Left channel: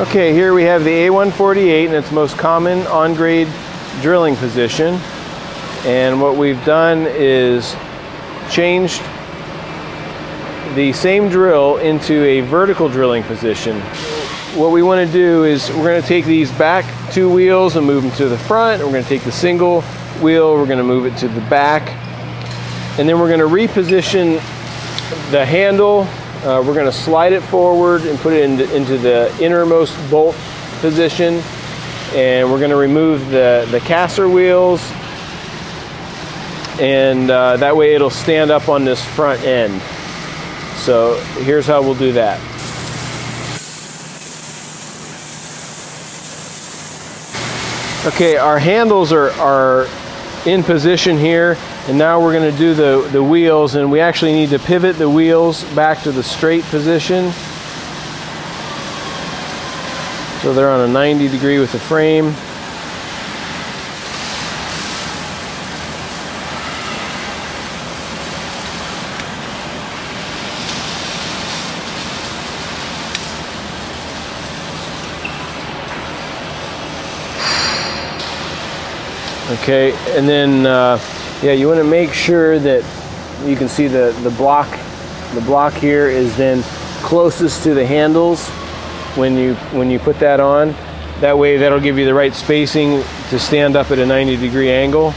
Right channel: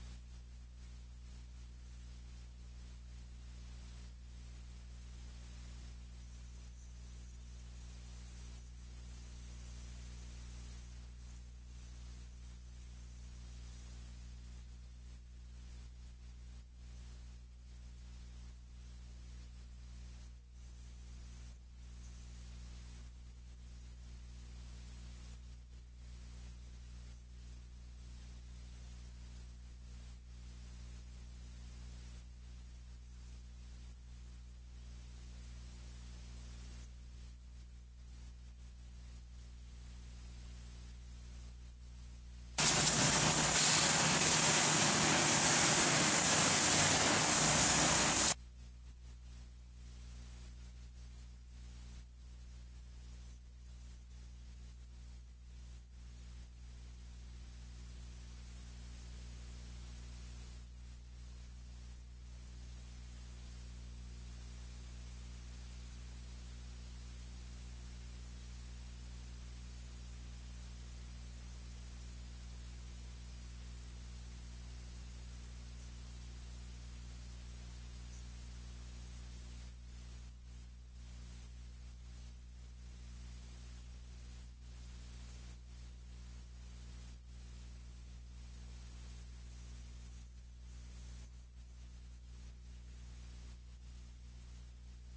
Okay, here we have the A-1-48 in its most common on-grade drilling position. And what we've done is changed the same drill into a vertical drilling position. What we want to do is we're going to take these back two wheels and move them to the front. We're going to take the single wheel, we're going to move it to the back. And then we're going to reposition the handle. We're going to slide it forward and put it into the innermost bolt position. And we're going to remove the caster wheels. And that way it'll stand up on this front end. So here's how we'll do that. Okay, our handles are in position here, and now we're going to do the wheels, and we actually need to pivot the wheels back to the straight position. So they're on a 90 degree with the frame. Okay, and then yeah, you want to make sure that you can see the block. The block here is then closest to the handles when you put that on. That way, that'll give you the right spacing to stand up at a 90 degree angle.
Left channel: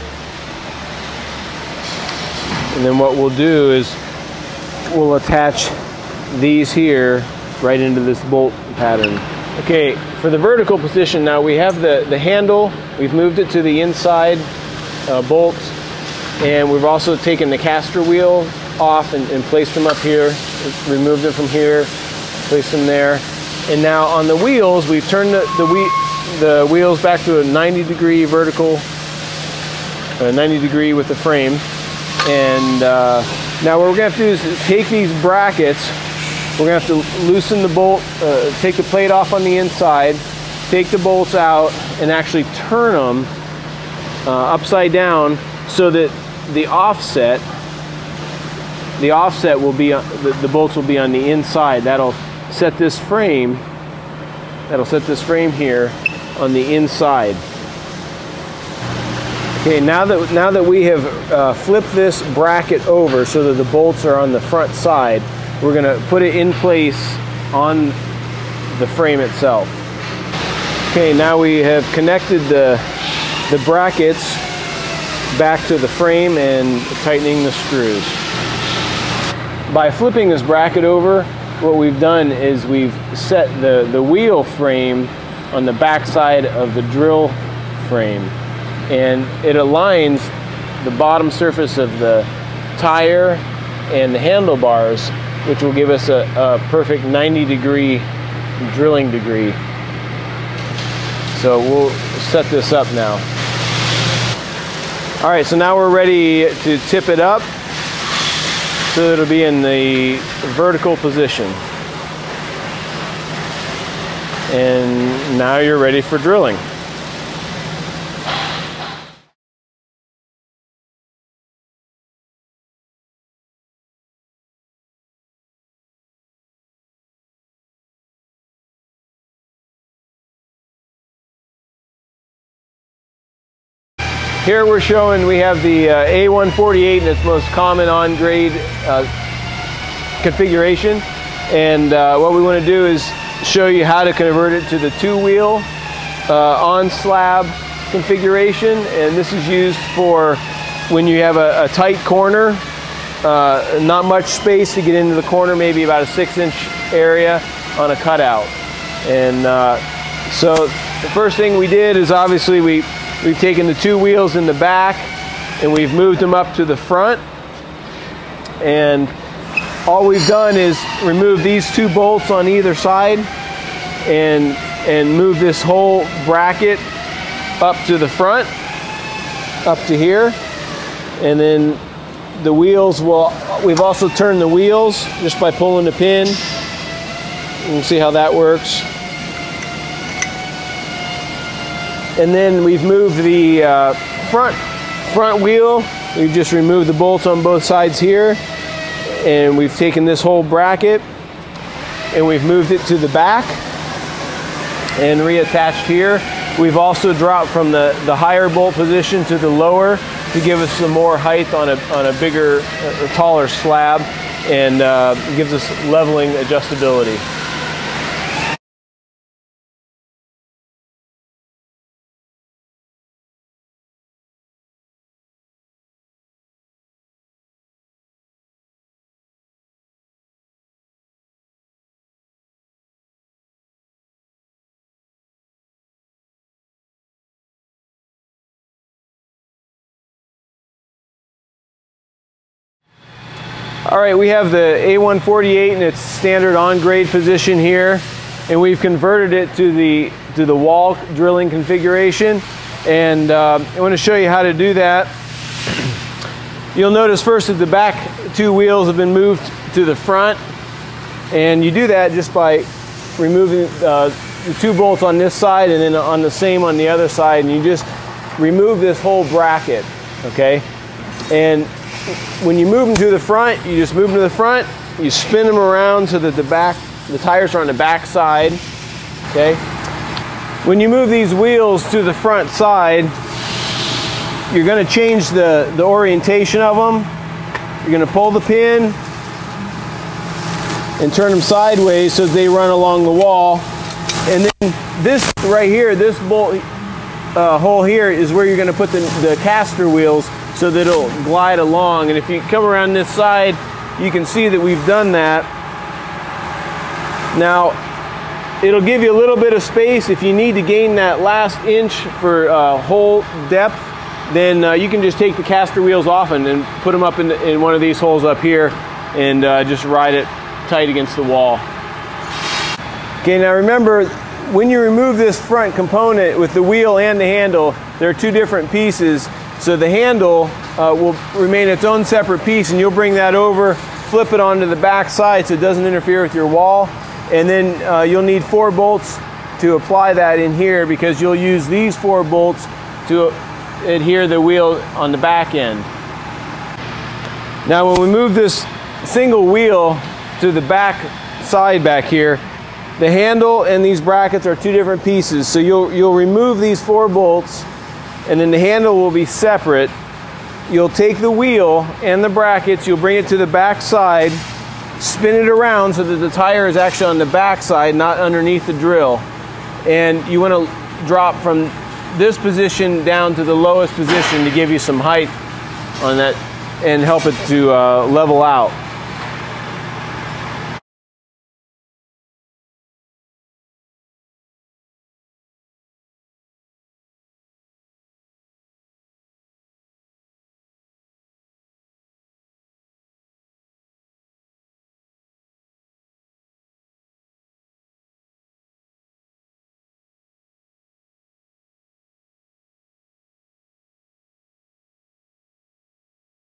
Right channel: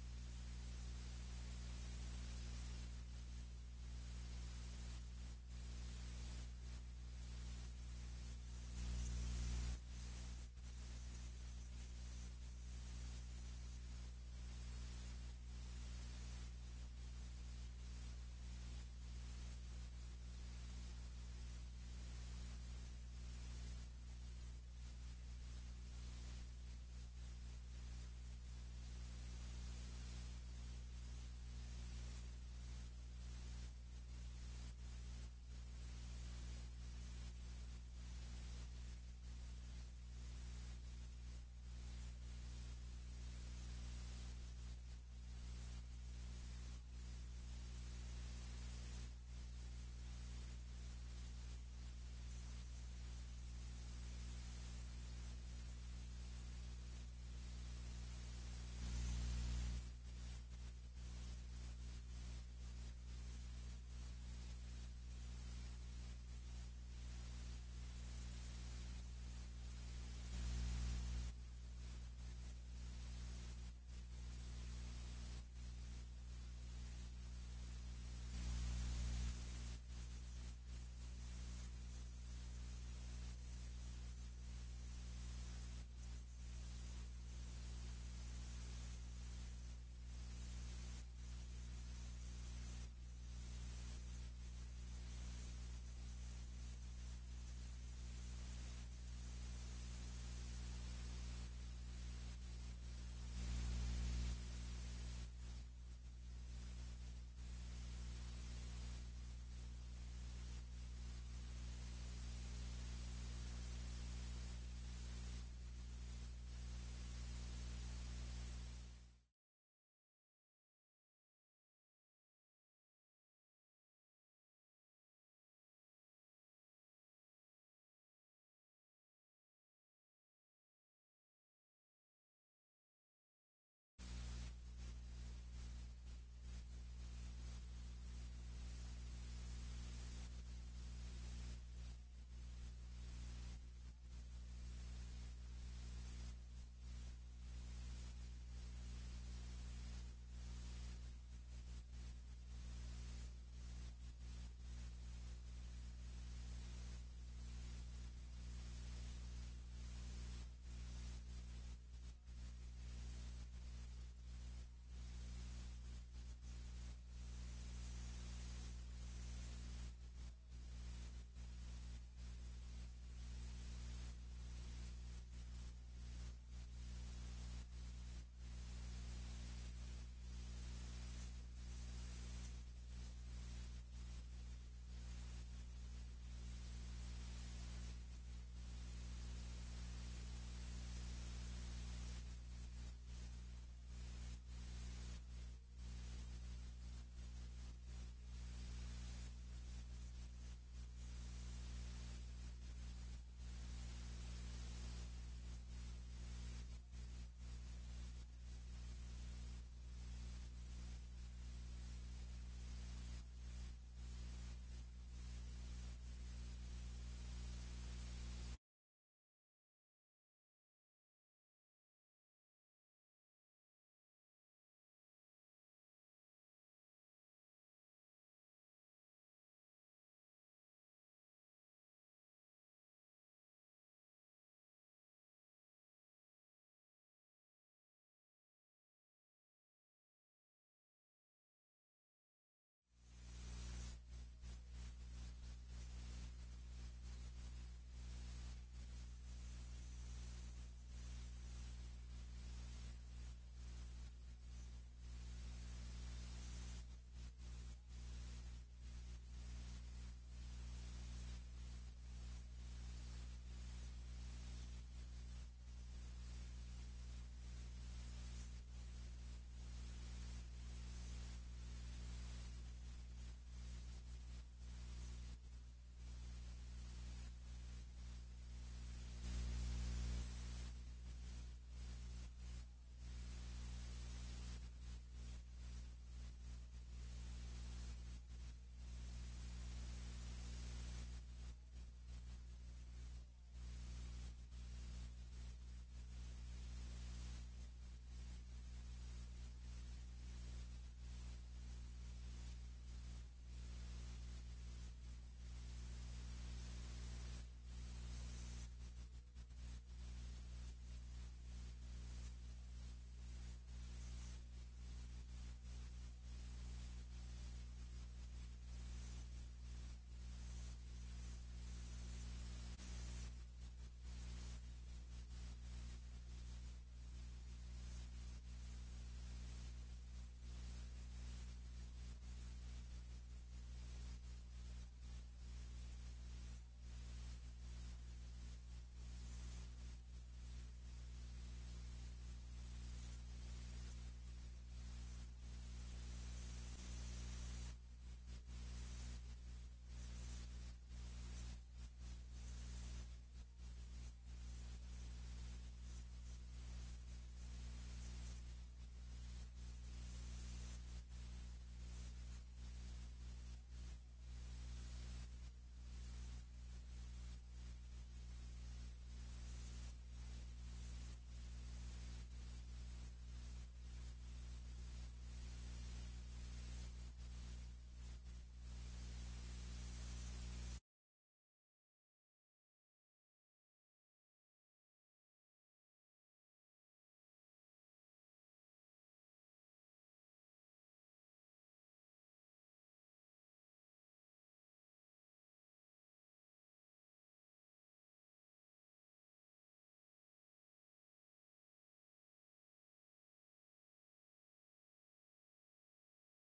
And then what we'll do is we'll attach these here right into this bolt pattern. Okay, for the vertical position now, we have the handle. We've moved it to the inside bolt, and we've also taken the caster wheel off and placed them up here, removed them from here, placed them there. And now on the wheels, we've turned the wheels back to a 90 degree vertical, 90 degree with the frame. And now what we're going to have to do is take these brackets. We're going to have to loosen the bolt, take the plate off on the inside, take the bolts out, and actually turn them upside down so that the offset will be, the bolts will be on the inside. That'll set this frame here on the inside. Okay, now that we have flipped this bracket over so that the bolts are on the front side, we're going to put it in place on the frame itself. Okay, now we have connected the brackets back to the frame and tightening the screws. By flipping this bracket over, what we've done is we've set the wheel frame on the back side of the drill frame, and it aligns the bottom surface of the tire and the handlebars, which will give us a perfect 90 degree drilling degree. So we'll set this up now. All right, so now we're ready to tip it up so it'll be in the vertical position. And now you're ready for drilling. Here we're showing we have the A-1-48 in its most common on-grade configuration, and what we want to do is show you how to convert it to the two-wheel on-slab configuration. And this is used for when you have a tight corner, not much space to get into the corner, maybe about a 6-inch area on a cutout. And so the first thing we did is obviously we've taken the two wheels in the back and we've moved them up to the front, and all we've done is remove these two bolts on either side and move this whole bracket up to the front, up to here. And then the wheels we've also turned the wheels just by pulling the pin. You can see how that works. And then we've moved the front wheel. We've just removed the bolts on both sides here, and we've taken this whole bracket and we've moved it to the back. and reattached here. We've also dropped from the higher bolt position to the lower to give us some more height on a bigger, taller slab, and gives us leveling adjustability. All right, we have the A-1-48 in its standard on-grade position here, and we've converted it to the wall drilling configuration. And I want to show you how to do that. You'll notice first that the back two wheels have been moved to the front, and you do that just by removing the two bolts on this side and then on the same on the other side, and you just remove this whole bracket, okay? And when you move them to the front, you just move them to the front, you spin them around so that the tires are on the back side, okay? When you move these wheels to the front side, you're gonna change the orientation of them. You're gonna pull the pin and turn them sideways so they run along the wall. And then this right here, this bolt hole here is where you're gonna put the caster wheels so that it'll glide along. And if you come around this side, you can see that we've done that. Now, it'll give you a little bit of space. If you need to gain that last inch for hole depth, then you can just take the caster wheels off and put them up in one of these holes up here and just ride it tight against the wall. Okay, now remember, when you remove this front component with the wheel and the handle, there are two different pieces. So the handle will remain its own separate piece, and you'll bring that over, flip it onto the back side so it doesn't interfere with your wall. And then you'll need 4 bolts to apply that in here, because you'll use these 4 bolts to adhere the wheel on the back end. Now when we move this single wheel to the back side back here, the handle and these brackets are two different pieces. So you'll remove these 4 bolts, and then the handle will be separate. You'll take the wheel and the brackets, you'll bring it to the back side, spin it around so that the tire is actually on the back side, not underneath the drill. And you want to drop from this position down to the lowest position to give you some height on that and help it to level out.